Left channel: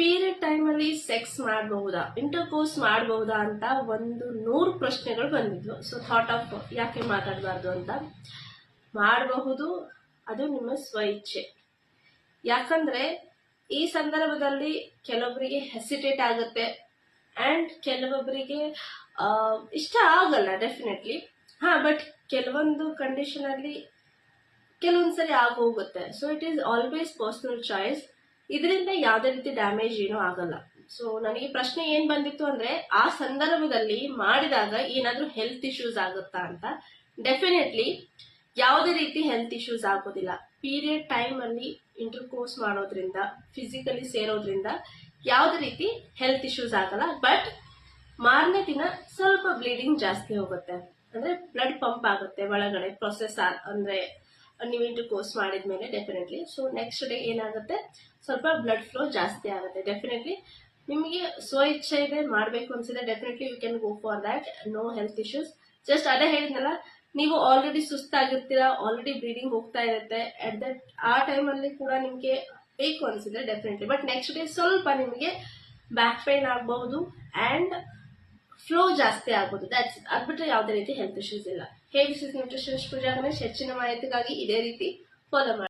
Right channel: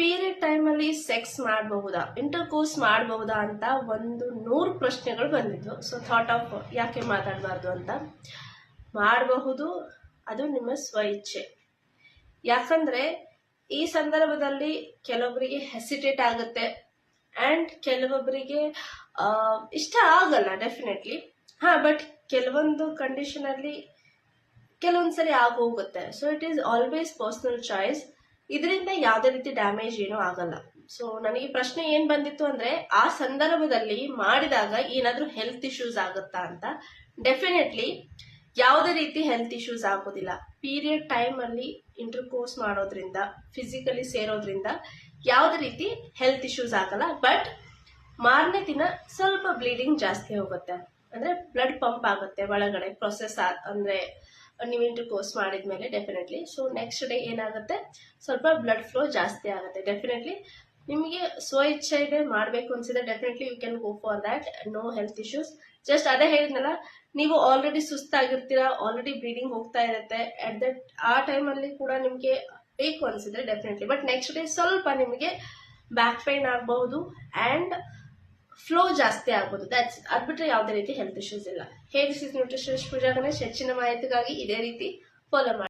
Period ಟೈಮಲ್ಲಿ sex ಮಾಡಬಹುದಾ? Inter course ಮಾಡಬಹುದಾ ಅಂತ ಒಂದು ನೂರು ಪ್ರಶ್ನೆಗಳು ಬಂದಿದ್ವು. ಸೊ ಥಾಟ್ ಆಫ್ ಯಾಕೆ ಮಾತಾಡಬಾರ್ದು ಅಂತ. ಮಾಡಬಹುದು, ಅದು ನಿಮ್ಮ ಸ್ವ ಇಚ್ಛೆ ಯಾಕಂದ್ರೆ, ಈ ಸಂದರ್ಭದಲ್ಲಿ ಕೆಲವೊಬ್ಬರಿಗೆ ಹೆಸಿಟೇಟ್ ಆಗುತ್ತೆ. ಆ್ಯಂಡ್ ಕೆಲವೊಬ್ಬರಿಗೆ ಇಷ್ಟ ಆಗಲ್ಲ ಡೆಫಿನೆಟ್ಲಿ ಹಾಂ ಬಟ್ ಕೆಲವೊಂದು ಕಂಡೀಷನಲ್ಲಿ ಕೆಲವೊಂದು ಸರಿ ಆಗೋಗುತ್ತೆ. So it is always personal choice ಇದರಿಂದ ಯಾವುದೇ ರೀತಿ ಡ್ಯಾಮೇಜ್ ಏನೂ ಆಗಲ್ಲ. ಸೊ ನನಗೆ ಪ್ರಶ್ನೆ ಏನು ಬಂದಿತ್ತು ಅಂದರೆ, ಆ ಸಂದರ್ಭದಲ್ಲಿ ಮಾಡಿದಾಗ ಏನಾದರೂ ಹೆಲ್ತ್ ಇಶ್ಯೂಸ್ ಆಗುತ್ತಾ ಅಂತ. ಡೆಫಿನೆಟ್ಲಿ ಯಾವುದೇ ರೀತಿ ಹೆಲ್ತ್ ಇಶ್ಯೂಸ್ ಆಗೋದಿಲ್ಲ. ಪೀರಿಯಡ್ ಟೈಮಲ್ಲಿ ಇಂಟರ್ ಕೋರ್ಸ್ ಮಾಡೋದ್ರಿಂದ ಫಿಸಿಕಲಿ ಸೇರೋದ್ರಿಂದ ಯಾವುದೇ ರೀತಿ ಹೆಲ್ತ್ ಇಶ್ಯೂಸ್ ಆಗಲ್ಲ. ಬಟ್ ಮಾರನೇ ದಿನ ಸ್ವಲ್ಪ ಬ್ಲೀಡಿಂಗ್ ಜಾಸ್ತಿ ಹೋಗುತ್ತೆ. ಅಂದರೆ ಬ್ಲಡ್ ಪಂಪ್ ಆಗುತ್ತೆ ಒಳಗಡೆ ಪ್ರೊಸೆಸ್ ಅಂದರೆ ನೀವು ಇಂಟರ್ ಕೋರ್ಸ್ ಮಾಡಿದ್ಮೇಲೆ ಡೆಫಿನೆಟ್ಲಿ ಸೊ ನೆಕ್ಸ್ಟ್ ಡೇ ಏನಾಗುತ್ತೆ? ಸ್ವಲ್ಪ ಬ್ಲಡ್ ಫ್ಲೋ ಜಾಸ್ತಿ ಆಗುತ್ತೆ. ಡೆಫಿನೆಟ್ಲಿ ನಿಮಗೆ ಸ್ವ ಇಚ್ಛೆ ಇದೆ, ಮಾಡಬೇಕು ಅನ್ಸಿದ್ರೆ definitely you can go for that no health issues just ಅದೇ ಹೇಳಿದ್ನಲ್ಲ, ನೀವು ಆಲ್ರೆಡಿ ಸುಸ್ತಾಗಿರ್ತೀರ ಆಲ್ರೆಡಿ ಬ್ಲೀಡಿಂಗ್ ಹೋಗ್ತಾ ಇರುತ್ತೆ. ಅಟ್ ದಟ್ ಆ ಟೈಮಲ್ಲಿ ಕೂಡ ನಿಮಗೆ ಬೇಕು ಅನ್ಸಿದ್ರೆ ಡೆಫಿನೆಟ್ಲಿ ಬಟ್ ನೆಕ್ಸ್ಟ್ ಡೇ ಸ್ವಲ್ಪ ನಿಮಗೆ ಬ್ಯಾಕ್ ಪೈನ್ ಆಗಬಹುದು ಆ್ಯಂಡ್ ಫ್ಲೋ ಜಾಸ್ತಿ ಆಗ್ಬೋದು ದಟ್ಸ್ ಅದು ಬಿಟ್ಟರೆ ಯಾವುದೇ ರೀತಿ ಹೆಲ್ತ್ ಇಶ್ಯೂಸ್ ಇಲ್ಲ. ನ್ಯೂಟ್ರಿಷನಿಸ್ಟ್ ಪೂಜಾ ಗಣೇಶ್ ಹೆಚ್ಚಿನ ಮಾಹಿತಿಗಾಗಿ ಇದೇ ರೀತಿ ಫಾಲೋ ಮಾಡಿ.